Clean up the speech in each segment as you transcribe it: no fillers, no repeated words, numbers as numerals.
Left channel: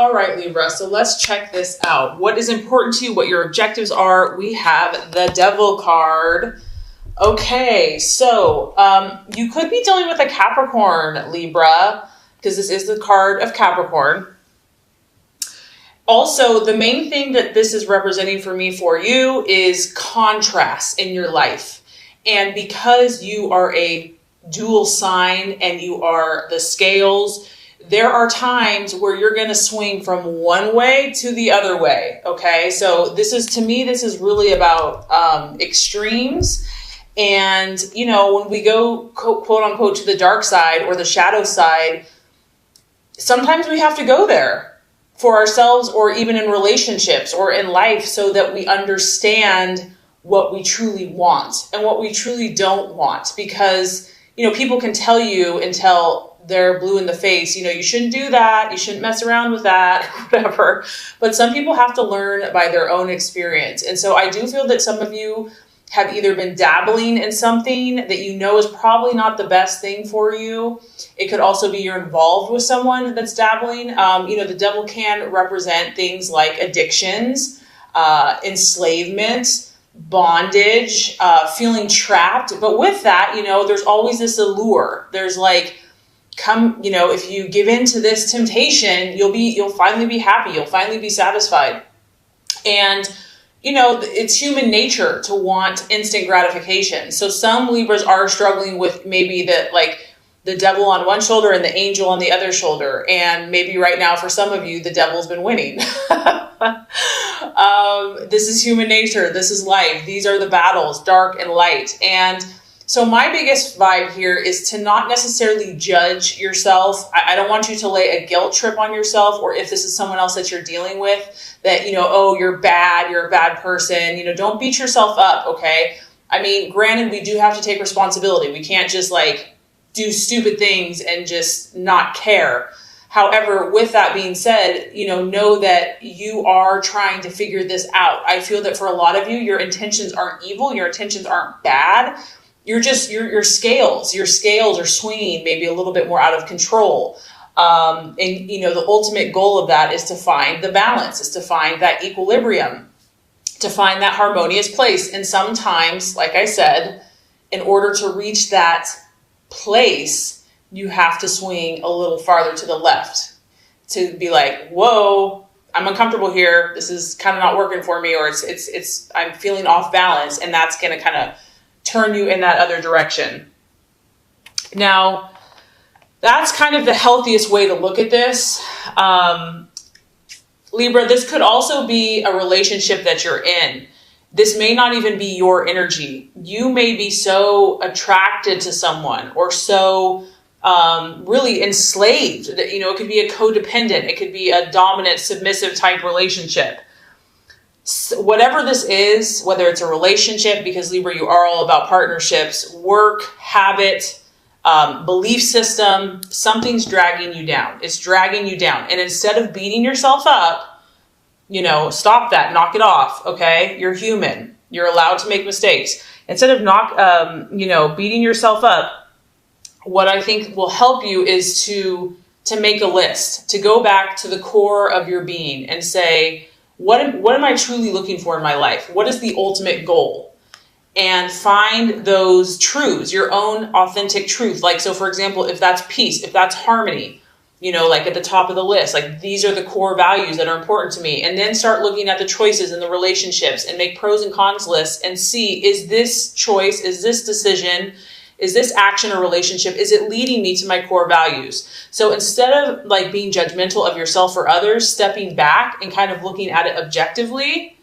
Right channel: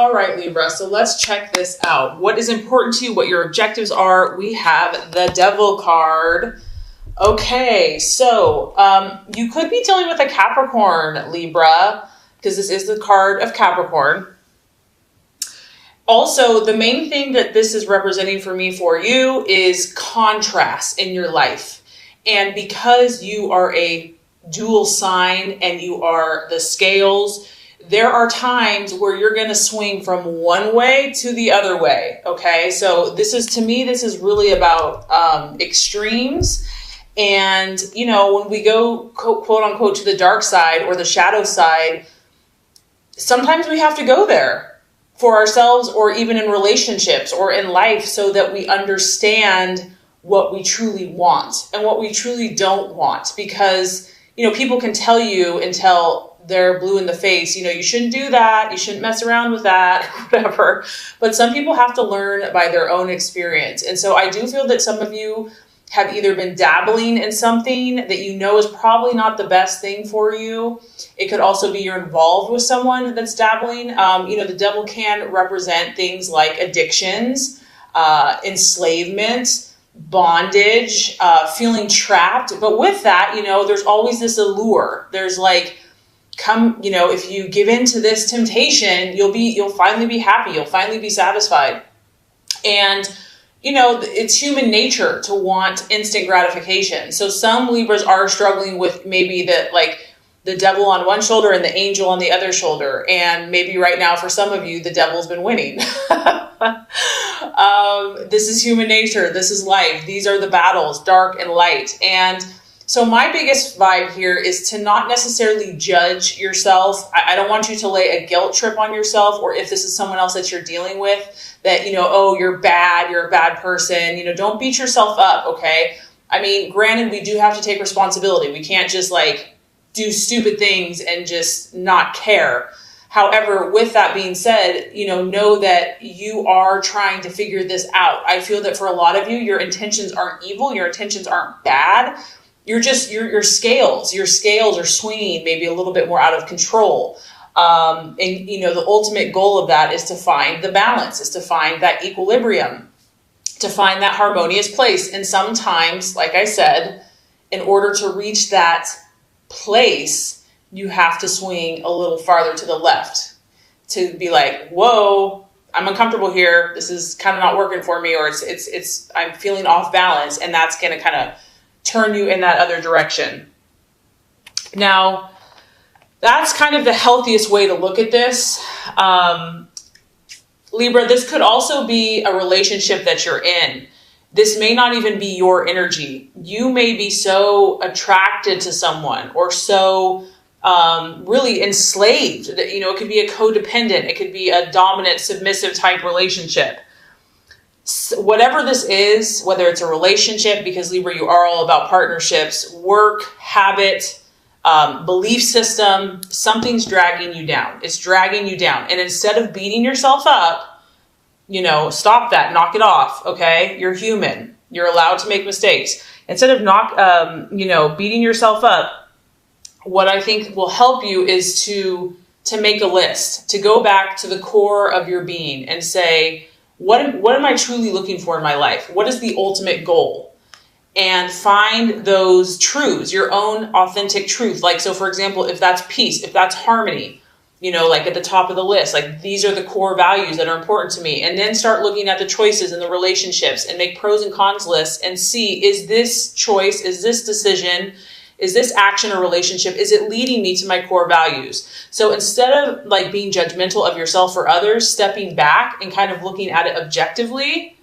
All right, Libra, so let's check this out. What is important to you, what your objectives are? We have the Devil card. Okay, so you could be dealing with a Capricorn, Libra, because this is the card of Capricorn. Also, the main thing that this is representing for me for you is contrast in your life. And because you are a dual sign and you are the scales, there are times where you're going to swing from one way to the other way. Okay, so this is, to me, this is really about extremes. And, you know, when we go quote unquote to the dark side or the shadow side, sometimes we have to go there for ourselves or even in relationships or in life so that we understand what we truly want and what we truly don't want. Because, you know, people can tell you until they're blue in the face, you know, you shouldn't do that, you shouldn't mess around with that, whatever. But some people have to learn by their own experience. And so I do feel that some of you have either been dabbling in something that you know is probably not the best thing for you. It could also be you're involved with someone that's dabbling. You know, the devil can represent things like addictions, enslavement, bondage, feeling trapped. But with that, you know, there's always this allure. There's like, come, you know, if you give in to this temptation, you'll finally be happy. You'll finally be satisfied. And you know, it's human nature to want instant gratification. So some Libras are struggling with maybe the devil on one shoulder and the angel on the other shoulder. And maybe right now for some of you, the devil's been winning. This is human nature. This is life. These are the battles, dark and light. And so my biggest vibe here is to not necessarily judge yourself. I don't want you to lay a guilt trip on yourself, or if this is someone else that you're dealing with, that, you know, oh, you're a bad person. You know, don't beat yourself up, okay? I mean, granted, we do have to take responsibility. We can't just like do stupid things and just not care. However, with that being said, you know that you are trying to figure this out. I feel that for a lot of you, your intentions aren't evil. Your intentions aren't bad. You're just, your scales are swinging maybe a little bit more out of control. And, you know, the ultimate goal of that is to find the balance, is to find that equilibrium, to find that harmonious place. And sometimes, like I said, in order to reach that place, you have to swing a little farther to the left to be like, whoa, I'm uncomfortable here. This is kind of not working for me, or I'm feeling off balance. And that's going to kind of turn you in that other direction. Now, that's kind of the healthiest way to look at this. Libra, this could also be a relationship that you're in. This may not even be your energy. You may be so attracted to someone or so really enslaved that, you know, it could be a codependent. It could be a dominant, submissive type relationship. Whatever this is, whether it's a relationship, because Libra, you are all about partnerships, work, habit, belief system, something's dragging you down. It's dragging you down. And instead of beating yourself up, you know, stop that, knock it off. Okay. You're human. You're allowed to make mistakes. Instead of beating yourself up, what I think will help you is to make a list, to go back to the core of your being and say, what am I truly looking for in my life? What is the ultimate goal? And find those truths, your own authentic truth. Like, so for example, if that's peace, if that's harmony, you know, like at the top of the list, like these are the core values that are important to me. And then start looking at the choices and the relationships and make pros and cons lists and see, is this choice, is this decision, is this action or relationship, is it leading me to my core values? So instead of like being judgmental of yourself or others, stepping back and kind of looking at it objectively,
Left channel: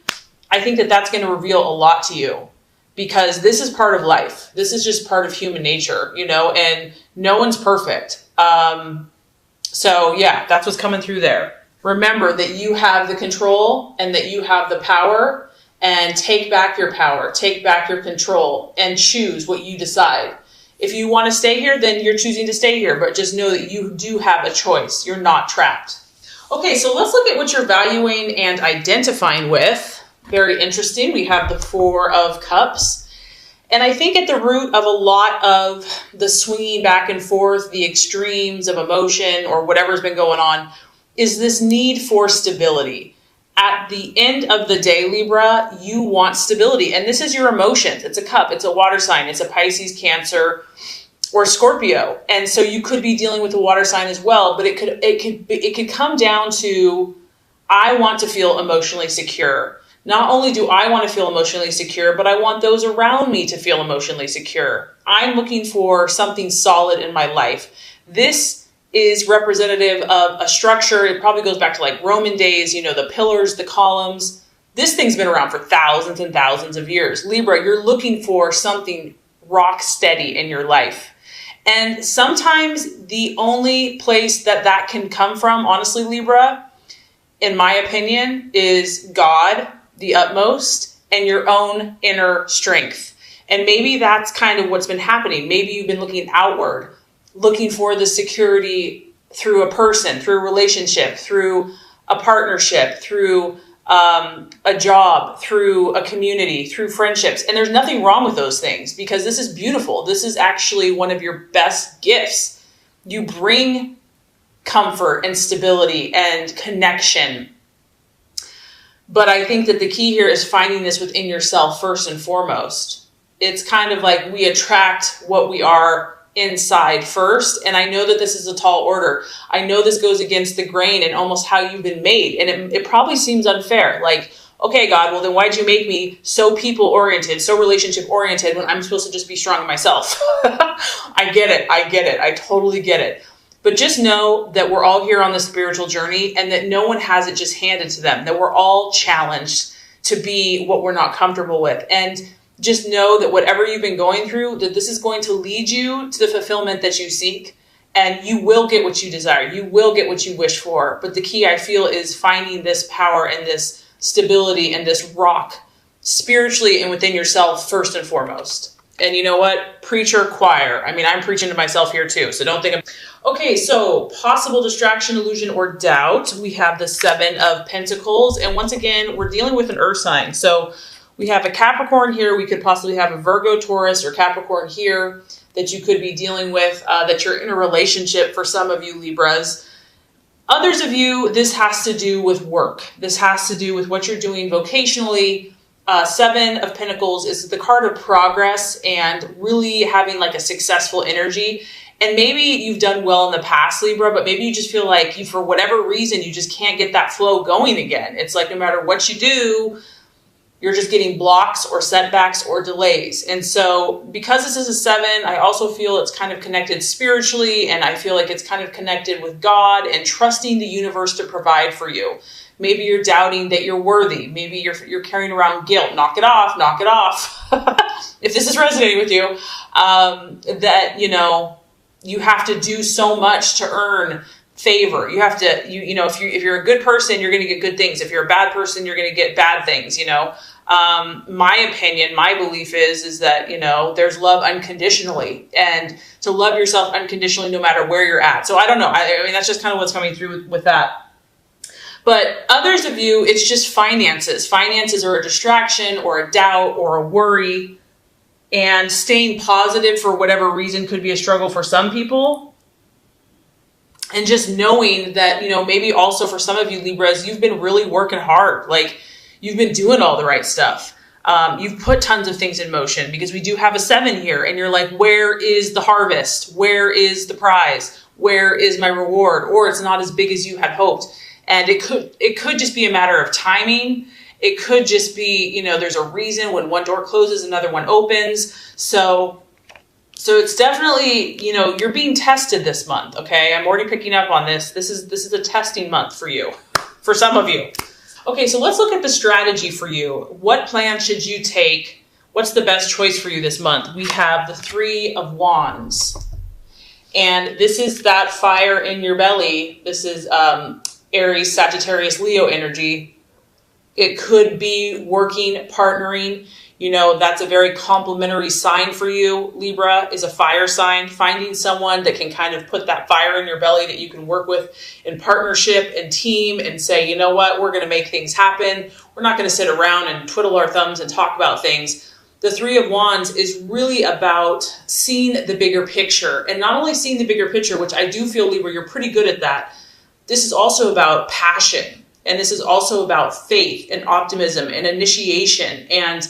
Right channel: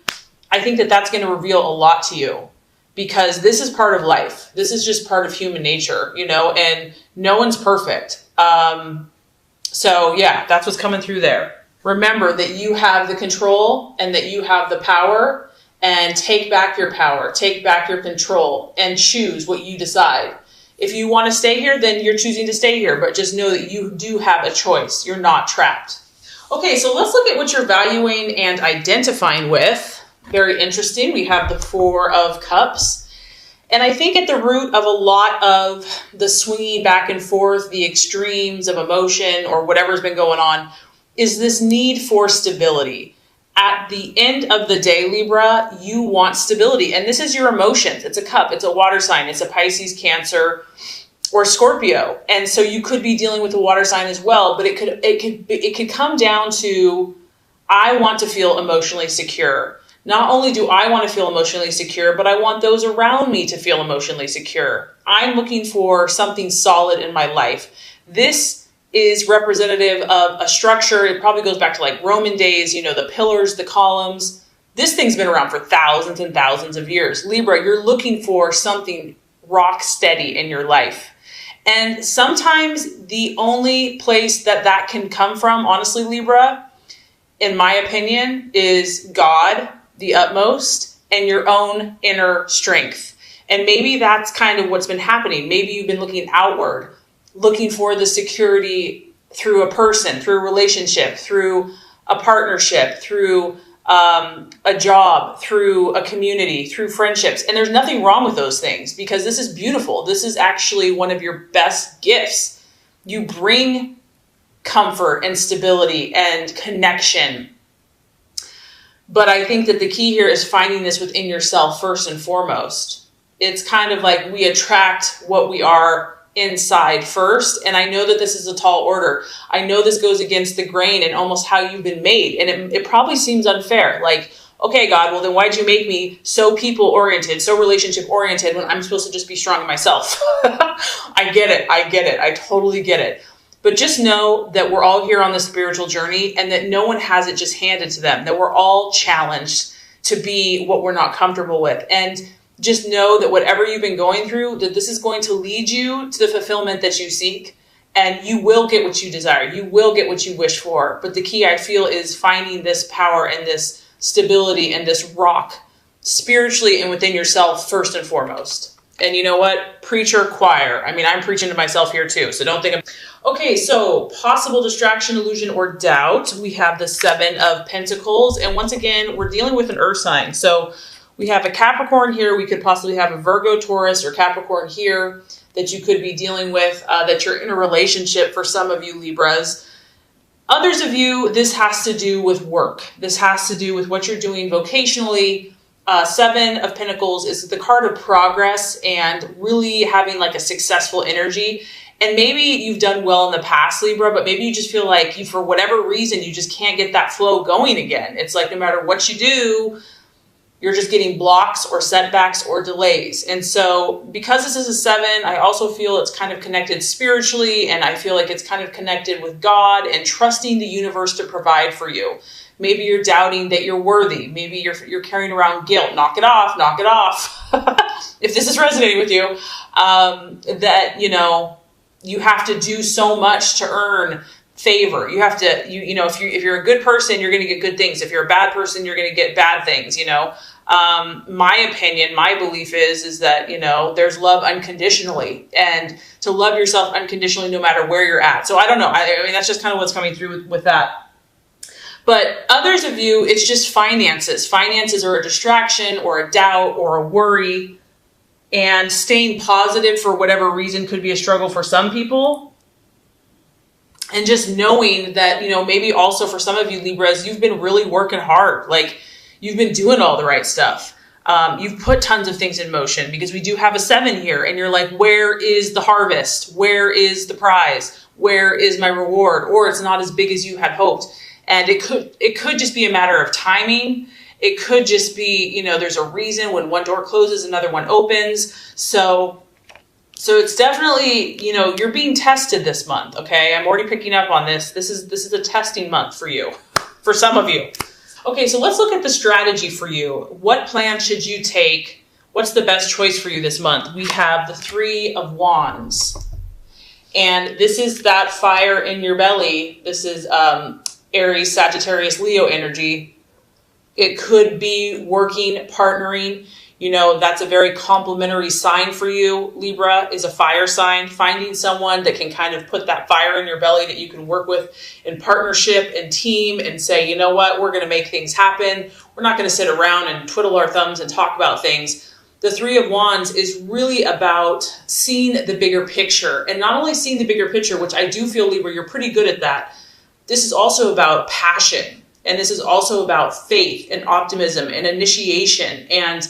I think that that's going to reveal a lot to you, because this is part of life. This is just part of human nature, you know, and no one's perfect. So yeah, that's what's coming through there. Remember that you have the control and that you have the power, and take back your power, take back your control, and choose what you decide. If you want to stay here, then you're choosing to stay here, but just know that you do have a choice. You're not trapped. Okay, so let's look at what you're valuing and identifying with. Very interesting. We have the Four of Cups. And I think at the root of a lot of the swinging back and forth, the extremes of emotion or whatever's been going on, is this need for stability. At the end of the day, Libra, you want stability. And this is your emotions. It's a cup. It's a water sign. It's a Pisces, Cancer, or Scorpio. And so you could be dealing with a water sign as well. But it could come down to, I want to feel emotionally secure. Not only do I want to feel emotionally secure, but I want those around me to feel emotionally secure. I'm looking for something solid in my life. This is representative of a structure. It probably goes back to like Roman days, the pillars, the columns. This thing's been around for thousands and thousands of years. Libra, you're looking for something rock steady in your life. And sometimes the only place that can come from, honestly, Libra, in my opinion, is God, the utmost, and your own inner strength. And maybe that's kind of what's been happening. Maybe you've been looking outward, looking for the security through a person, through a relationship, through a partnership, through a job, through a community, through friendships. And there's nothing wrong with those things, because this is beautiful. This is actually one of your best gifts. You bring comfort and stability and connection. But I think that the key here is finding this within yourself first and foremost. It's kind of like we attract what we are inside first. And I know that this is a tall order. I know this goes against the grain and almost how you've been made. And it probably seems unfair. Like, okay, God, well then why'd you make me so people oriented, so relationship oriented when I'm supposed to just be strong in myself? I get it. I totally get it. But just know that we're all here on the spiritual journey, and that no one has it just handed to them, that we're all challenged to be what we're not comfortable with. And just know that whatever you've been going through, that this is going to lead you to the fulfillment that you seek, and you will get what you desire. You will get what you wish for. But the key, I feel, is finding this power and this stability and this rock spiritually and within yourself first and foremost. And you know what? Preacher, choir. I mean, I'm preaching to myself here too, so don't think Okay, so possible distraction, illusion, or doubt. We have the 7 of Pentacles. And once again, we're dealing with an earth sign. So we have a Capricorn here. We could possibly have a Virgo, Taurus, or Capricorn here that you could be dealing with, that you're in a relationship for some of you Libras. Others of you, this has to do with work. This has to do with what you're doing vocationally. 7 of Pentacles is the card of progress and really having like a successful energy. And maybe you've done well in the past, Libra, but maybe you just feel like for whatever reason, you just can't get that flow going again. It's like no matter what you do, you're just getting blocks or setbacks or delays. And so because this is a 7, I also feel it's kind of connected spiritually, and I feel like it's kind of connected with God and trusting the universe to provide for you. Maybe you're doubting that you're worthy. Maybe you're carrying around guilt. Knock it off, knock it off. If this is resonating with you, that, you have to do so much to earn favor. You have to, if you're a good person, you're going to get good things. If you're a bad person, you're going to get bad things, My opinion, my belief is that, there's love unconditionally, and to love yourself unconditionally no matter where you're at. So I don't know. I mean, that's just kind of what's coming through with that. But others of you, it's just finances. Finances are a distraction or a doubt or a worry. And staying positive for whatever reason could be a struggle for some people. And just knowing that, maybe also for some of you Libras, you've been really working hard. Like you've been doing all the right stuff. You've put tons of things in motion, because we do have a 7 here, and you're like, where is the harvest? Where is the prize? Where is my reward? Or it's not as big as you had hoped. And it could just be a matter of timing. It could just be, there's a reason when one door closes, another one opens. So it's definitely, you're being tested this month. Okay. I'm already picking up on this. This is a testing month for you, for some of you. Okay. So let's look at the strategy for you. What plan should you take? What's the best choice for you this month? We have the 3 of Wands, and this is that fire in your belly. This is, Aries, Sagittarius, Leo energy. It could be working, partnering. That's a very complementary sign for you. Libra is a fire sign. Finding someone that can kind of put that fire in your belly that you can work with in partnership and team and say, you know what, we're going to make things happen. We're not going to sit around and twiddle our thumbs and talk about things. The 3 of Wands is really about seeing the bigger picture, and not only seeing the bigger picture, which I do feel, Libra, you're pretty good at that, this is also about passion. And this is also about faith and optimism and initiation and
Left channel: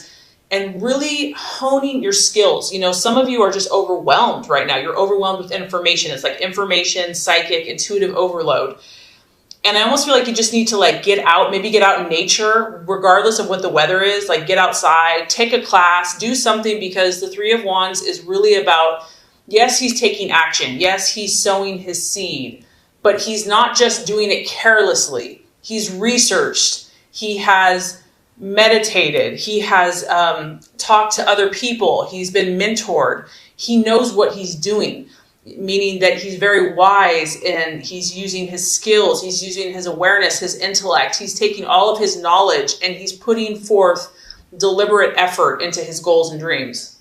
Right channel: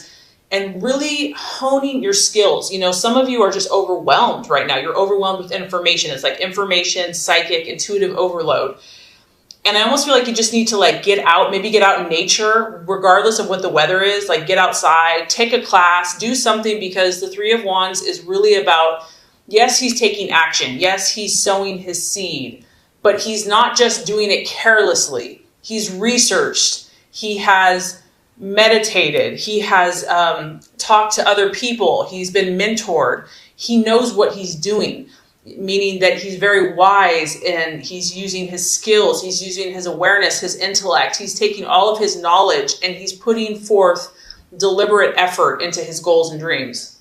really honing your skills. You know, some of you are just overwhelmed right now. You're overwhelmed with information. It's like information, psychic, intuitive overload. And I almost feel like you just need to like get out, maybe get out in nature, regardless of what the weather is, like get outside, take a class, do something, because the Three of Wands is really about, yes, he's taking action. Yes, he's sowing his seed, but he's not just doing it carelessly. He's researched. He has meditated. He has talked to other people. He's been mentored. He knows what he's doing, meaning that he's very wise and he's using his skills. He's using his awareness, his intellect. He's taking all of his knowledge and he's putting forth deliberate effort into his goals and dreams.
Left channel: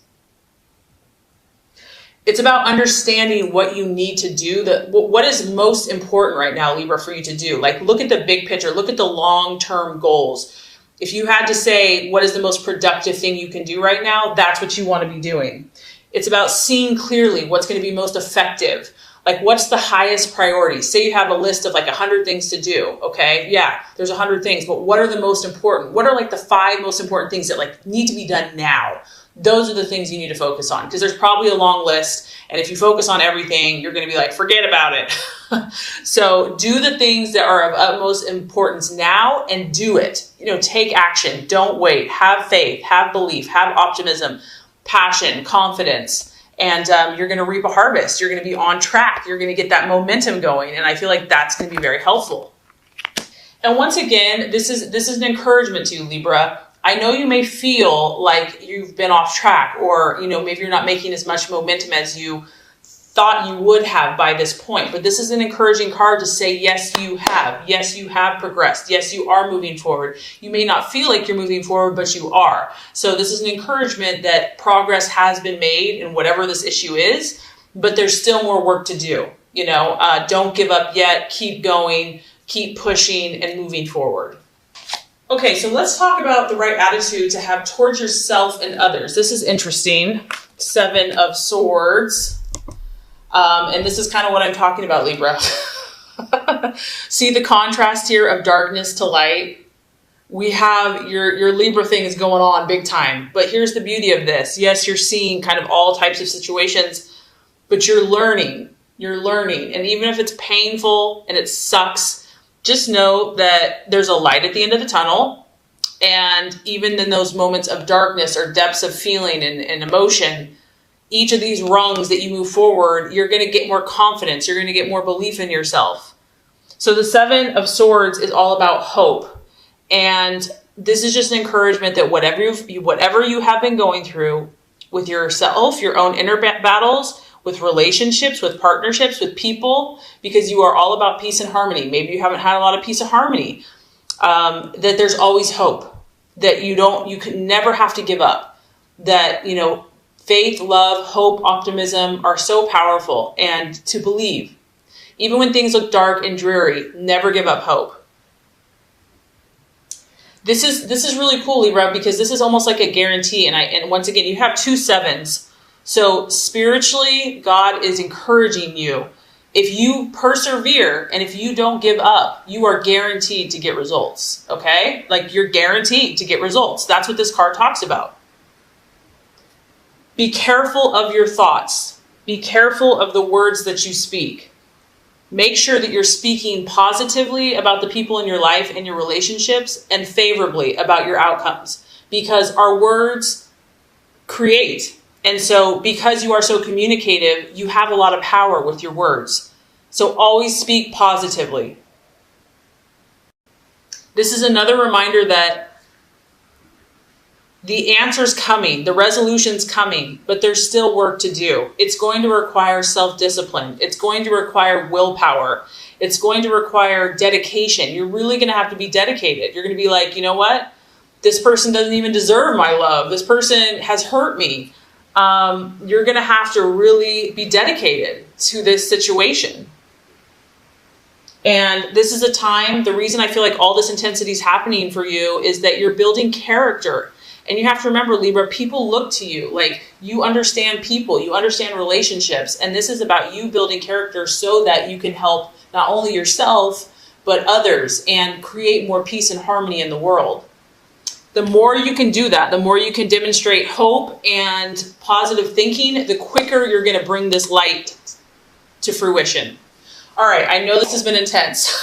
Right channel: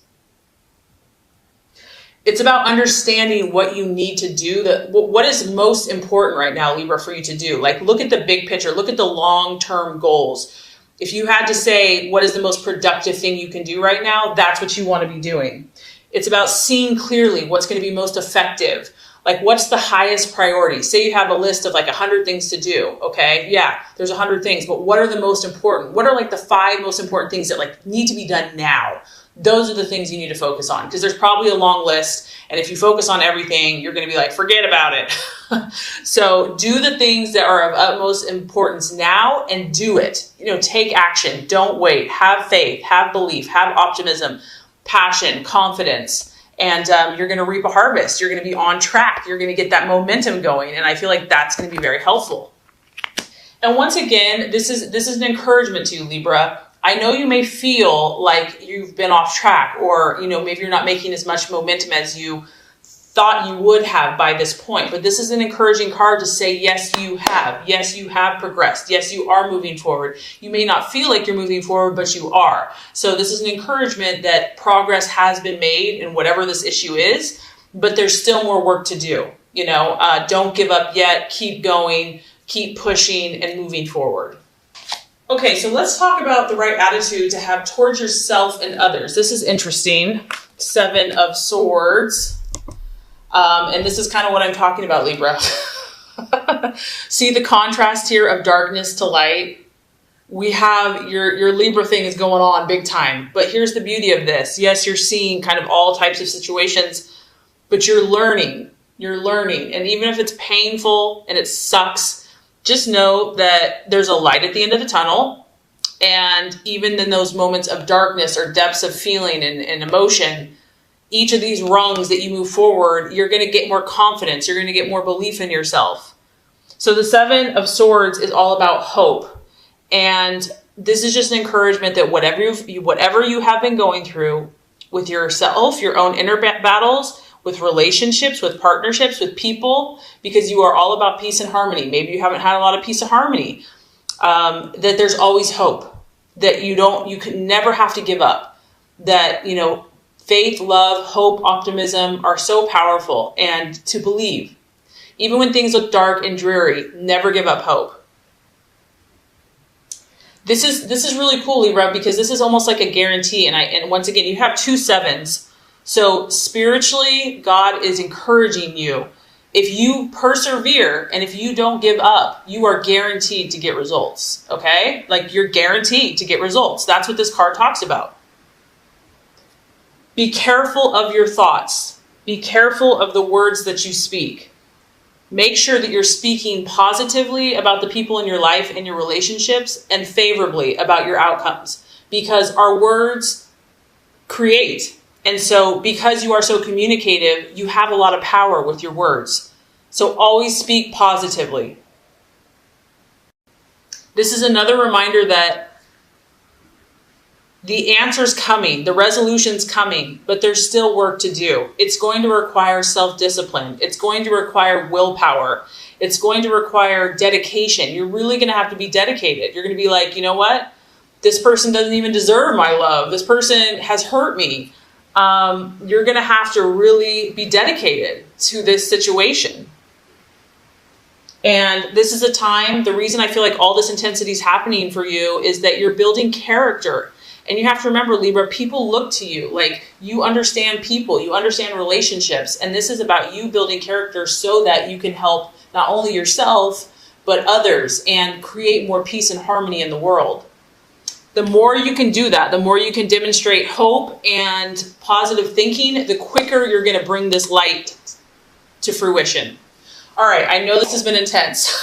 It's about understanding what you need to do, what is most important right now, Libra, for you to do. Like, look at the big picture, look at the long-term goals. If you had to say, what is the most productive thing you can do right now, that's what you want to be doing. It's about seeing clearly what's going to be most effective. Like, what's the highest priority? Say you have a list of like 100 things to do. Okay. Yeah, there's 100 things, but what are the most important? What are like the 5 most important things that like need to be done now? Those are the things you need to focus on, because there's probably a long list. And if you focus on everything, you're going to be like, forget about it. So do the things that are of utmost importance now and do it. You know, take action. Don't wait. Have faith, have belief, have optimism, passion, confidence. And you're going to reap a harvest. You're going to be on track. You're going to get that momentum going. And I feel like that's going to be very helpful. And once again, this is an encouragement to you, Libra. I know you may feel like you've been off track, or, you know, maybe you're not making as much momentum as you thought you would have by this point, but this is an encouraging card to say, yes, you have. Yes, you have progressed. Yes, you are moving forward. You may not feel like you're moving forward, but you are. So this is an encouragement that progress has been made in whatever this issue is, but there's still more work to do. You know, don't give up yet. Keep going, keep pushing and moving forward. Okay, so let's talk about the right attitude to have towards yourself and others. This is interesting. 7 of Swords. And this is kind of what I'm talking about, Libra. See the contrast here of darkness to light? We have your Libra thing is going on big time. But here's the beauty of this. Yes, you're seeing kind of all types of situations, but you're learning. You're learning. And even if it's painful and it sucks, just know that there's a light at the end of the tunnel. And even in those moments of darkness or depths of feeling and emotion, each of these rungs that you move forward, you're going to get more confidence. You're going to get more belief in yourself. So the 7 of Swords is all about hope. And this is just an encouragement that whatever you have been going through with yourself, your own inner battles, with relationships, with partnerships, with people, because you are all about peace and harmony. Maybe you haven't had a lot of peace and harmony. That there's always hope. That you can never have to give up. That, you know, faith, love, hope, optimism are so powerful, and to believe. Even when things look dark and dreary, never give up hope. This is really cool, Libra, because this is almost like a guarantee. And once again, you have 2 7s. So spiritually, God is encouraging you. If you persevere and if you don't give up, you are guaranteed to get results. Okay? Like, you're guaranteed to get results. That's what this card talks about. Be careful of your thoughts. Be careful of the words that you speak. Make sure that you're speaking positively about the people in your life and your relationships, and favorably about your outcomes, because our words create. And so because you are so communicative, you have a lot of power with your words. So always speak positively. This is another reminder that the answer's coming, the resolution's coming, but there's still work to do. It's going to require self-discipline. It's going to require willpower. It's going to require dedication. You're really going to have to be dedicated. You're going to be like, you know what? This person doesn't even deserve my love. This person has hurt me. You're going to have to really be dedicated to this situation. And this is a time, the reason I feel like all this intensity is happening for you is that you're building character. And you have to remember, Libra, people look to you. Like, you understand people, you understand relationships. And this is about you building character so that you can help not only yourself, but others, and create more peace and harmony in the world. The more you can do that, the more you can demonstrate hope and positive thinking, the quicker you're going to bring this light to fruition. All right, I know this has been intense,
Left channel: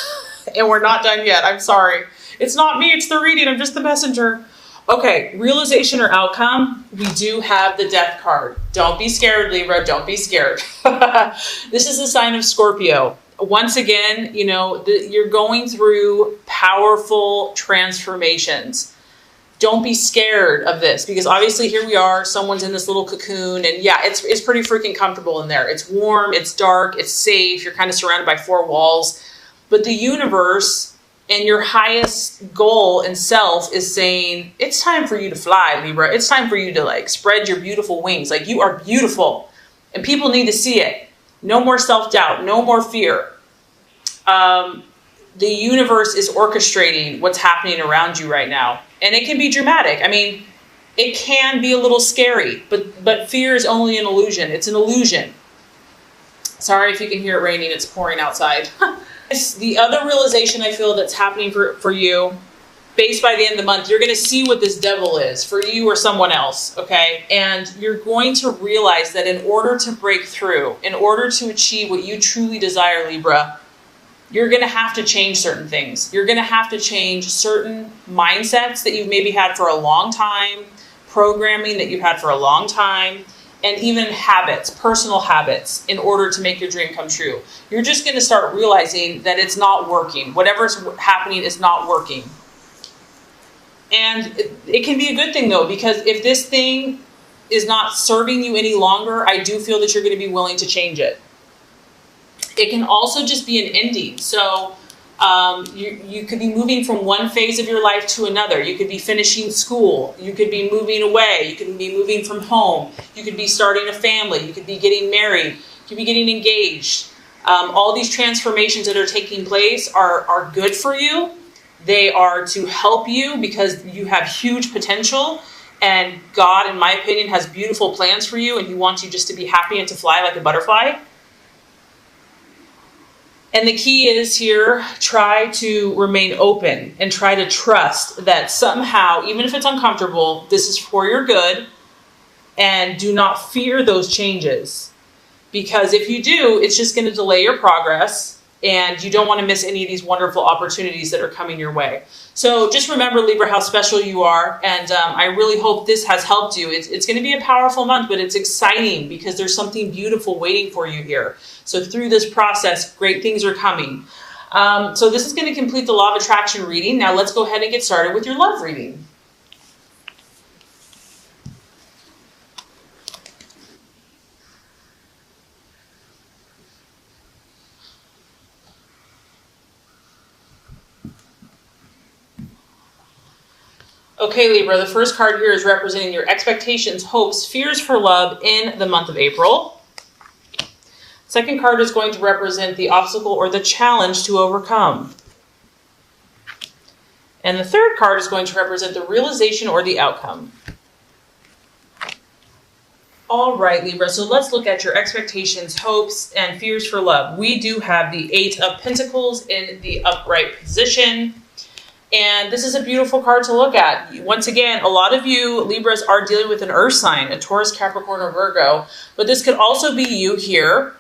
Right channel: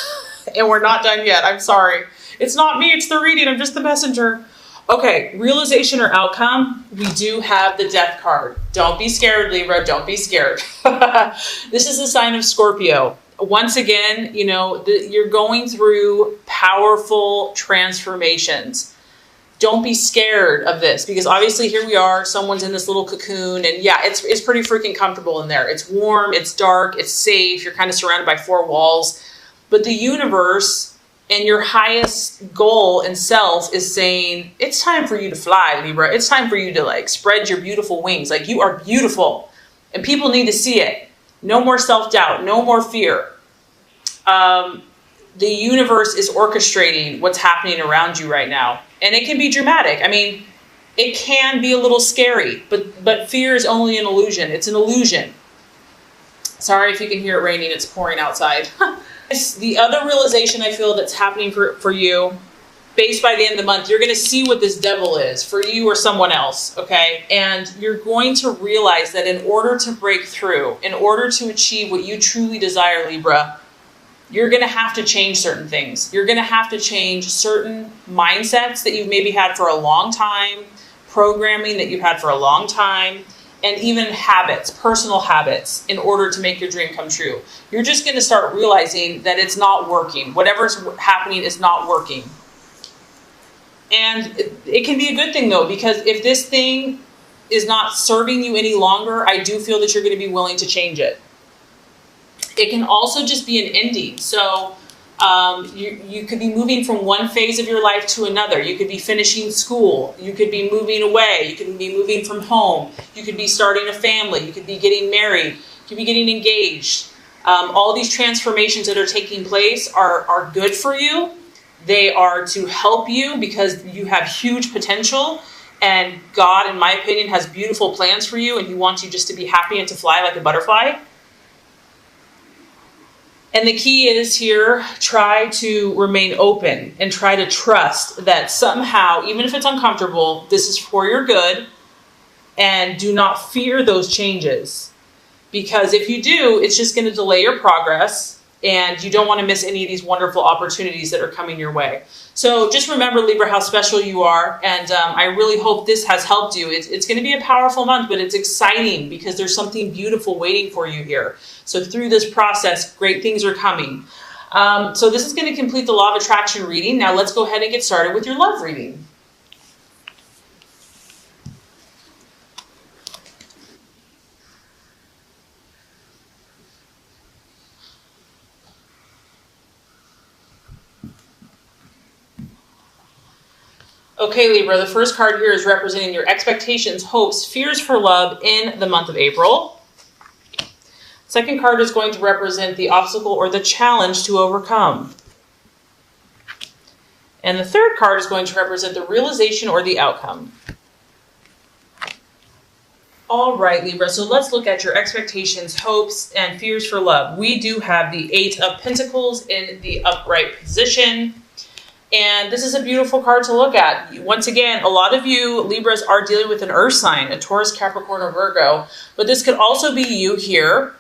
and we're not done yet. I'm sorry. It's not me, it's the reading. I'm just the messenger. Okay, realization or outcome, we do have the death card. Don't be scared, Libra. Don't be scared. This is a sign of Scorpio. Once again, you're going through powerful transformations. Don't be scared of this, because obviously here we are, someone's in this little cocoon, and yeah, it's pretty freaking comfortable in there. It's warm, it's dark, it's safe. You're kind of surrounded by four walls. But the universe and your highest goal and self is saying, it's time for you to fly, Libra. It's time for you to spread your beautiful wings. You are beautiful and people need to see it. No more self-doubt, no more fear. The universe is orchestrating what's happening around you right now. And it can be dramatic. I mean, it can be a little scary, but fear is only an illusion. It's an illusion. Sorry if you can hear it raining. It's pouring outside. The other realization I feel that's happening for you, based by the end of the month, you're going to see what this devil is for you or someone else, okay? And you're going to realize that in order to break through, in order to achieve what you truly desire, Libra, you're going to have to change certain things. You're going to have to change certain mindsets that you've maybe had for a long time, programming that you've had for a long time, and even habits, personal habits, in order to make your dream come true. You're just going to start realizing that it's not working. Whatever's happening is not working. And it can be a good thing, though, because if this thing is not serving you any longer, I do feel that you're going to be willing to change it. It can also just be an ending. So you could be moving from one phase of your life to another. You could be finishing school. You could be moving away. You could be moving from home. You could be starting a family. You could be getting married. You could be getting engaged. All these transformations that are taking place are good for you. They are to help you because you have huge potential. And God, in my opinion, has beautiful plans for you. And He wants you just to be happy and to fly like a butterfly. And the key is here, try to remain open and try to trust that somehow, even if it's uncomfortable, this is for your good. And do not fear those changes. Because if you do, it's just going to delay your progress. And you don't want to miss any of these wonderful opportunities that are coming your way. So just remember, Libra, how special you are. And I really hope this has helped you. It's going to be a powerful month, but it's exciting because there's something beautiful waiting for you here. So through this process, great things are coming. So this is going to complete the Law of Attraction reading. Now let's go ahead and get started with your love reading. Okay, Libra, the first card here is representing your expectations, hopes, fears for love in the month of April. Second card is going to represent the obstacle or the challenge to overcome. And the third card is going to represent the realization or the outcome. All right, Libra, so let's look at your expectations, hopes, and fears for love. We do have the Eight of Pentacles in the upright position. And this is a beautiful card to look at. Once again, a lot of you Libras are dealing with an earth sign, a Taurus, Capricorn, or Virgo. But this could also be you here.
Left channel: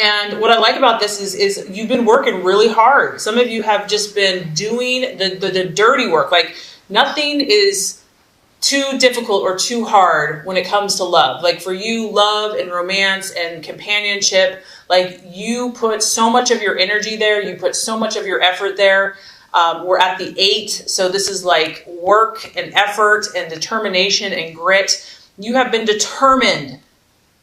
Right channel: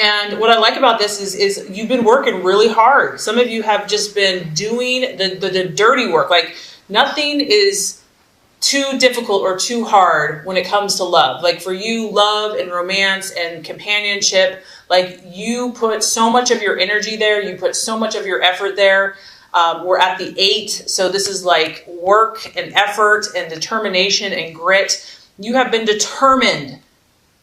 And what I like about this is you've been working really hard. Some of you have just been doing the dirty work. Like nothing is too difficult or too hard when it comes to love. Like for you, love and romance and companionship, like you put so much of your energy there. You put so much of your effort there. We're at the 8, so this is like work and effort and determination and grit. You have been determined,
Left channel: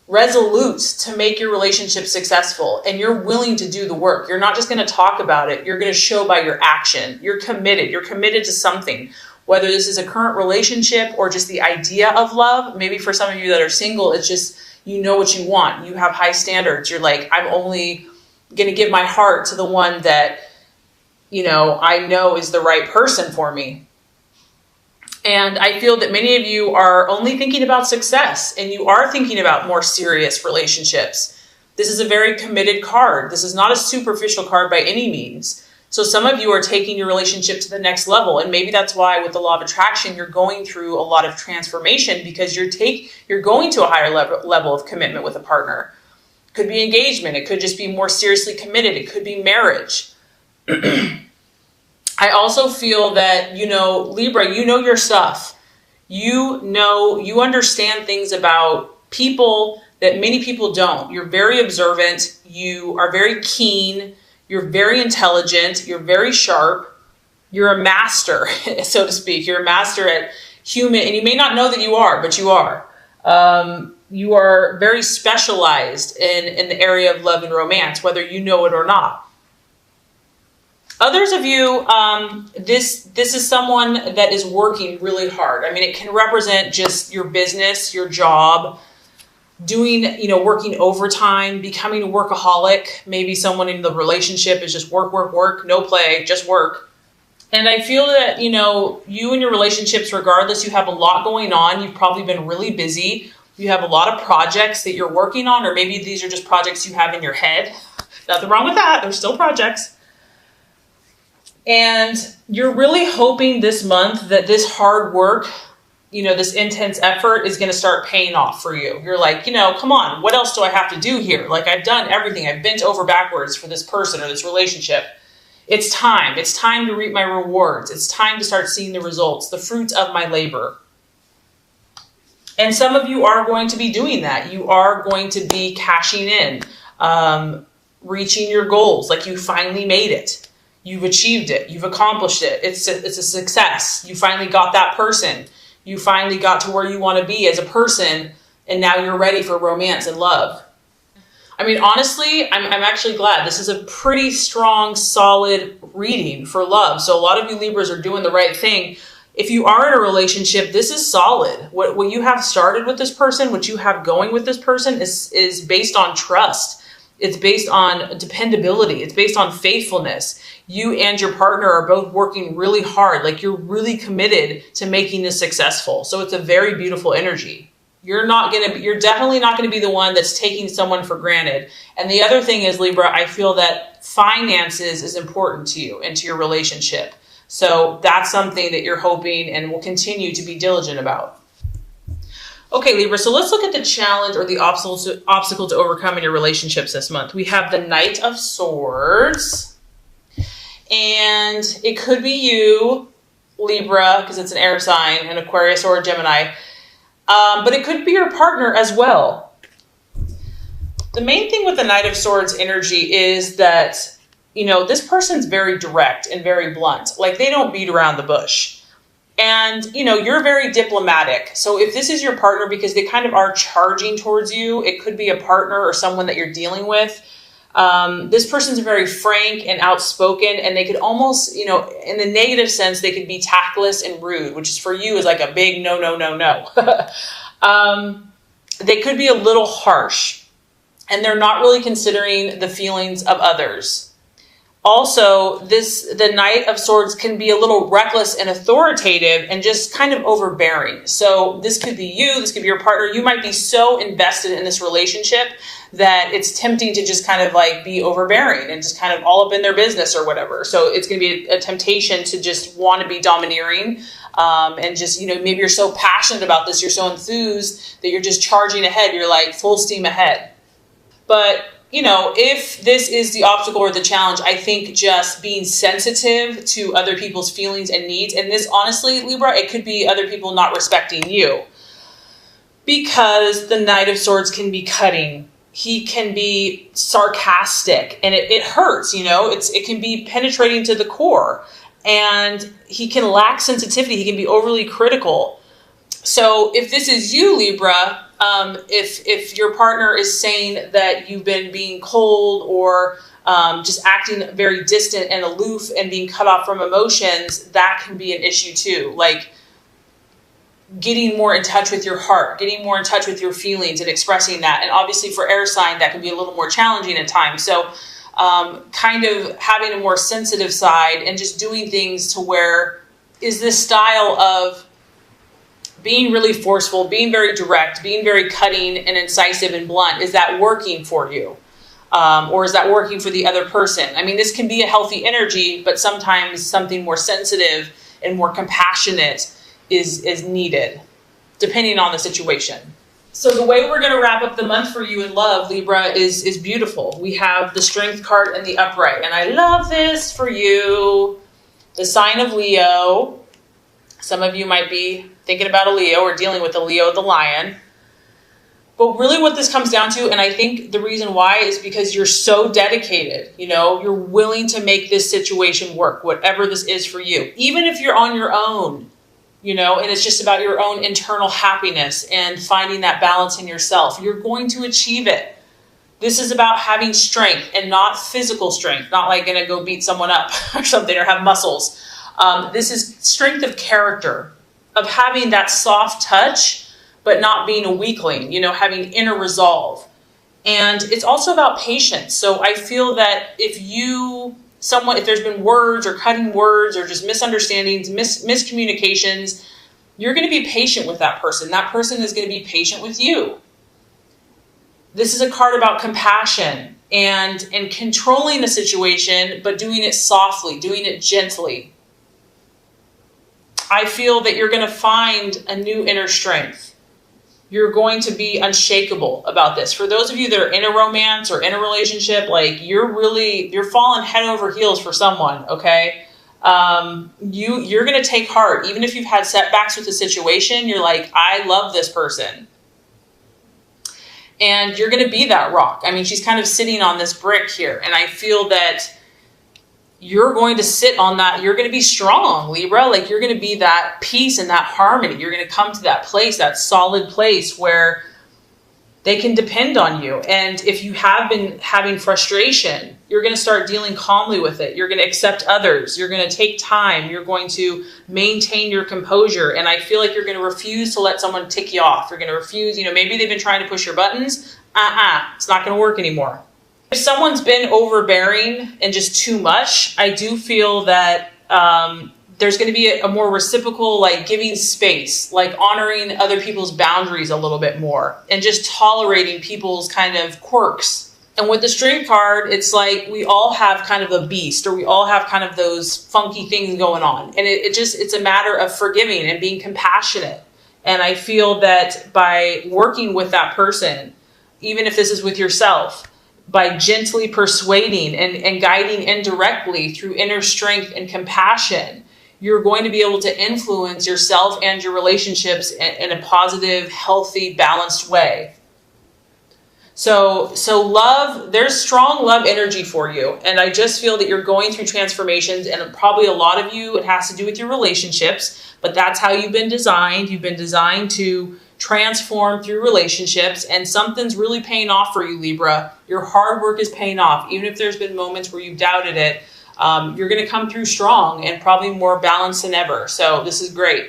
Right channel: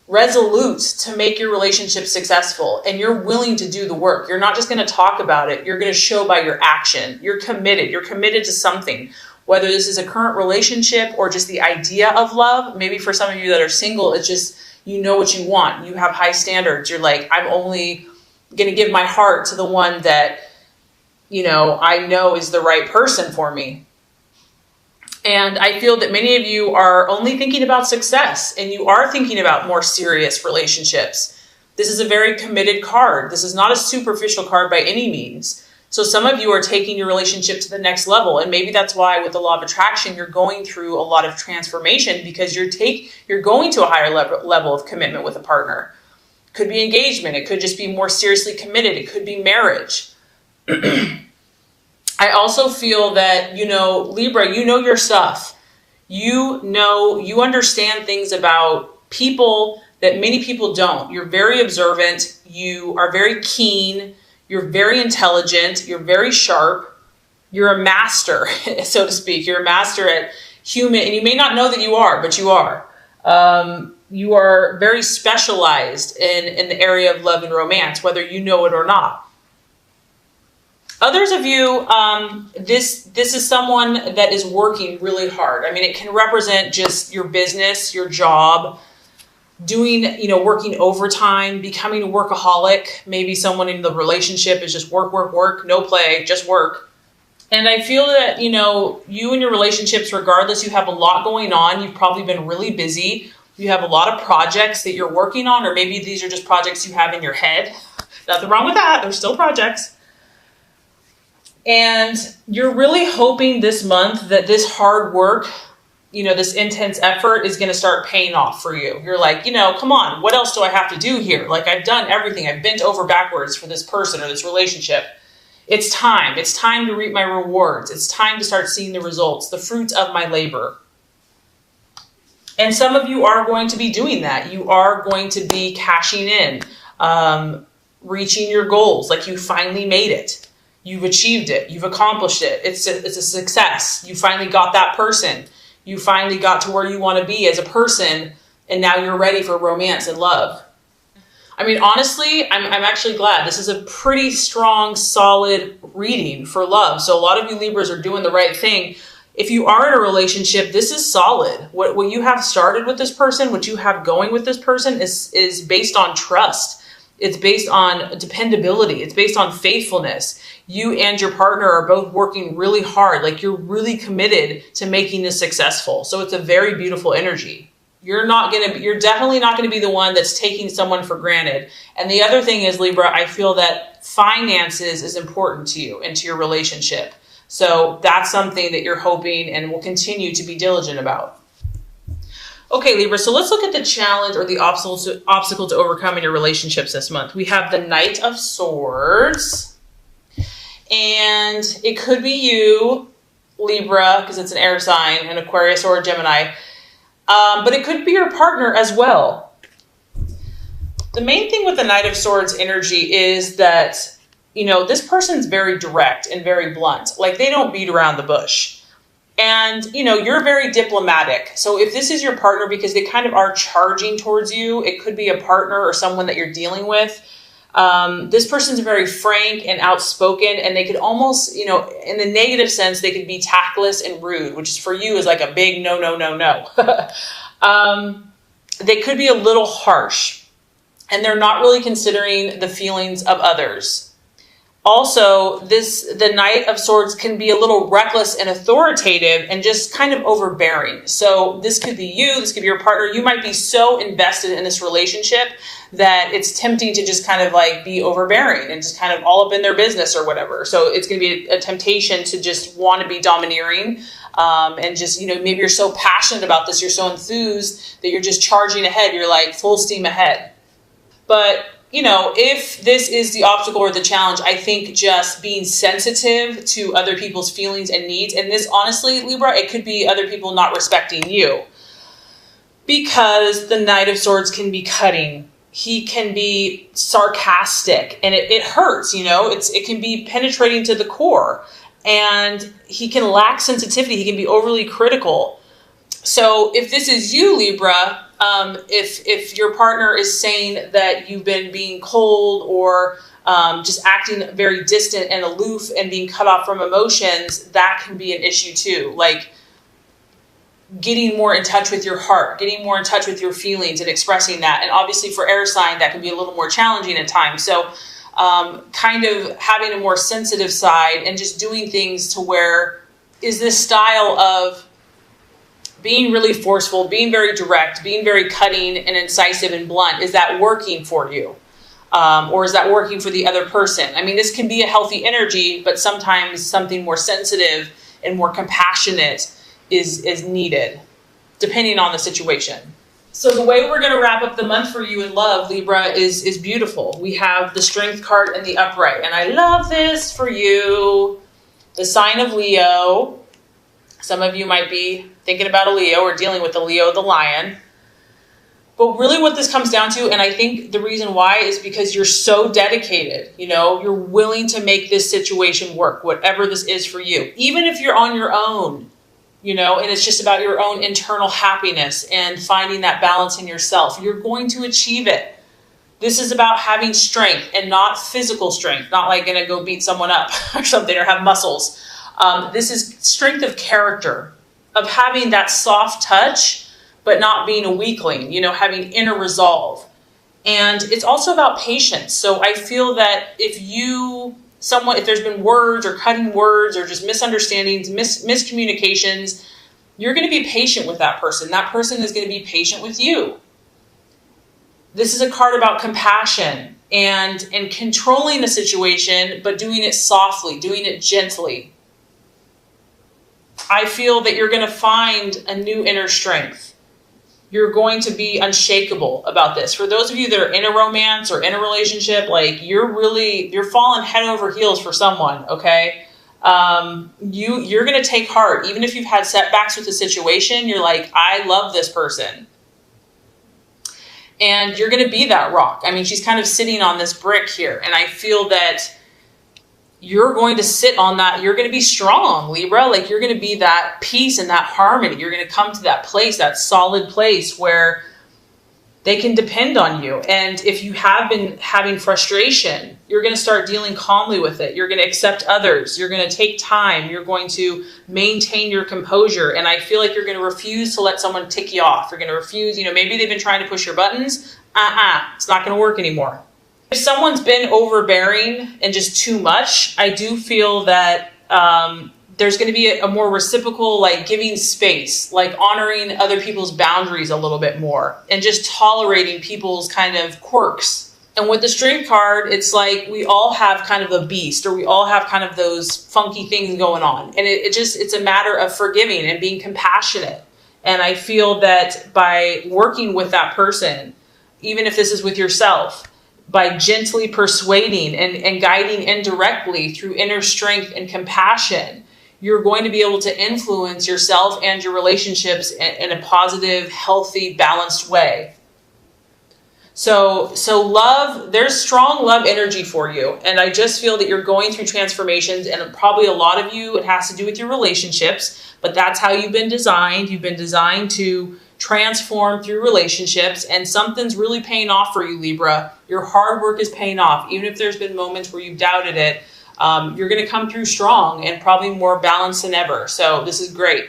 resolute to make your relationship successful, and you're willing to do the work. You're not just going to talk about it. You're going to show by your action. You're committed. You're committed to something, whether this is a current relationship or just the idea of love. Maybe for some of you that are single, it's just you know what you want. You have high standards. You're like, I'm only going to give my heart to the one that I know is the right person for me. And I feel that many of you are only thinking about success and you are thinking about more serious relationships. This is a very committed card. This is not a superficial card by any means. So some of you are taking your relationship to the next level. And maybe that's why with the law of attraction, you're going through a lot of transformation because you're going to a higher level of commitment with a partner. It could be engagement. It could just be more seriously committed. It could be marriage. I also feel that, Libra, you know your stuff. You understand things about people that many people don't. You're very observant. You are very keen. You're very intelligent. You're very sharp. You're a master, so to speak. You're a master at human, and you may not know that you are, but you are. You are very specialized in the area of love and romance, whether you know it or not. Others of you, this is someone that is working really hard. I mean, it can represent just your business, your job, doing, working overtime, becoming a workaholic. Maybe someone in the relationship is just work, work, work, no play, just work. And I feel that, you and your relationships, regardless, you have a lot going on. You've probably been really busy. You have a lot of projects that you're working on, or maybe these are just projects you have in your head. Nothing wrong with that. They're still projects. And you're really hoping this month that this hard work, this intense effort is going to start paying off for you. You're like, come on, what else do I have to do here? Like, I've done everything. I've bent over backwards for this person or this relationship. It's time. It's time to reap my rewards. It's time to start seeing the results, the fruits of my labor. And some of you are going to be doing that. You are going to be cashing in, reaching your goals. Like, you finally made it. You've achieved it. You've accomplished it. It's a success. You finally got that person. You finally got to where you want to be as a person, and now you're ready for romance and love. I mean, honestly, I'm actually glad. This is a pretty strong, solid reading for love. So a lot of you Libras are doing the right thing. If you are in a relationship, this is solid. What you have started with this person, what you have going with this person is based on trust. It's based on dependability. It's based on faithfulness. You and your partner are both working really hard. Like, you're really committed to making this successful. So it's a very beautiful energy. You're definitely not going to be the one that's taking someone for granted. And the other thing is, Libra, I feel that finances is important to you and to your relationship. So that's something that you're hoping and will continue to be diligent about. Okay, Libra, so let's look at the challenge or the obstacle to overcome in your relationships this month. We have the Knight of Swords. And it could be you, Libra, because it's an air sign, an Aquarius or a Gemini. But it could be your partner as well. The main thing with the Knight of Swords energy is that, this person's very direct and very blunt. Like, they don't beat around the bush. And, you're very diplomatic. So if this is your partner, because they kind of are charging towards you, it could be a partner or someone that you're dealing with. This person's very frank and outspoken, and they could almost, in the negative sense, they could be tactless and rude, which is for you is like a big no, no, no, no. They could be a little harsh, and they're not really considering the feelings of others. Also, the Knight of Swords can be a little reckless and authoritative and just kind of overbearing. So this could be you, this could be your partner. You might be so invested in this relationship that it's tempting to just kind of like be overbearing and just kind of all up in their business or whatever. So it's going to be a temptation to just want to be domineering and just, maybe you're so passionate about this, you're so enthused that you're just charging ahead. You're like full steam ahead. But if this is the obstacle or the challenge, I think just being sensitive to other people's feelings and needs, and this honestly, Libra, it could be other people not respecting you, because the Knight of Swords can be cutting. He can be sarcastic, and it hurts, it can be penetrating to the core, and he can lack sensitivity. He can be overly critical. So if this is you, Libra, if your partner is saying that you've been being cold or just acting very distant and aloof and being cut off from emotions, that can be an issue too. Like getting more in touch with your heart, getting more in touch with your feelings and expressing that. And obviously for air sign, that can be a little more challenging at times. So kind of having a more sensitive side and just doing things to where is this style of being really forceful, being very direct, being very cutting and incisive and blunt, is that working for you? Or is that working for the other person? I mean, this can be a healthy energy, but sometimes something more sensitive and more compassionate is needed, depending on the situation. So the way we're going to wrap up the month for you in love, Libra, is beautiful. We have the Strength card in the upright, and I love this for you. The sign of Leo. Some of you might be thinking about a Leo or dealing with a Leo, the lion. But really what this comes down to, and I think the reason why is because you're so dedicated, you're willing to make this situation work, whatever this is for you. Even if you're on your own, and it's just about your own internal happiness and finding that balance in yourself, you're going to achieve it. This is about having strength and not physical strength, not like going to go beat someone up or something or have muscles. This is strength of character, of having that soft touch, but not being a weakling, having inner resolve. And it's also about patience. So I feel that if there's been words or cutting words or just misunderstandings, miscommunications, you're going to be patient with that person. That person is going to be patient with you. This is a card about compassion and controlling the situation, but doing it softly, doing it gently. I feel that you're going to find a new inner strength. You're going to be unshakable about this. For those of you that are in a romance or in a relationship, you're falling head over heels for someone, okay? You're going to take heart. Even if you've had setbacks with the situation, you're like, I love this person. And you're going to be that rock. I mean, she's kind of sitting on this brick here. And I feel that you're going to sit on that. You're going to be strong, Libra. You're going to be that peace and that harmony. You're going to come to that place, that solid place where they can depend on you. And if you have been having frustration, you're going to start dealing calmly with it. You're going to accept others. You're going to take time. You're going to maintain your composure. And I feel like you're going to refuse to let someone tick you off. You're going to refuse, maybe they've been trying to push your buttons. It's not going to work anymore. If someone's been overbearing and just too much, I do feel that there's going to be a more reciprocal, giving space, honoring other people's boundaries a little bit more and just tolerating people's kind of quirks. And with the Strength card, it's like we all have kind of a beast, or we all have kind of those funky things going on. And it's a matter of forgiving and being compassionate. And I feel that by working with that person, even if this is with yourself, by gently persuading and guiding indirectly through inner strength and compassion, you're going to be able to influence yourself and your relationships in a positive, healthy, balanced way. So love, there's strong love energy for you. And I just feel that you're going through transformations, and probably a lot of you, it has to do with your relationships, but that's how you've been designed. You've been designed to transform through relationships, and something's really paying off for you, Libra. Your hard work is paying off. Even if there's been moments where you've doubted it, you're going to come through strong and probably more balanced than ever. So this is great.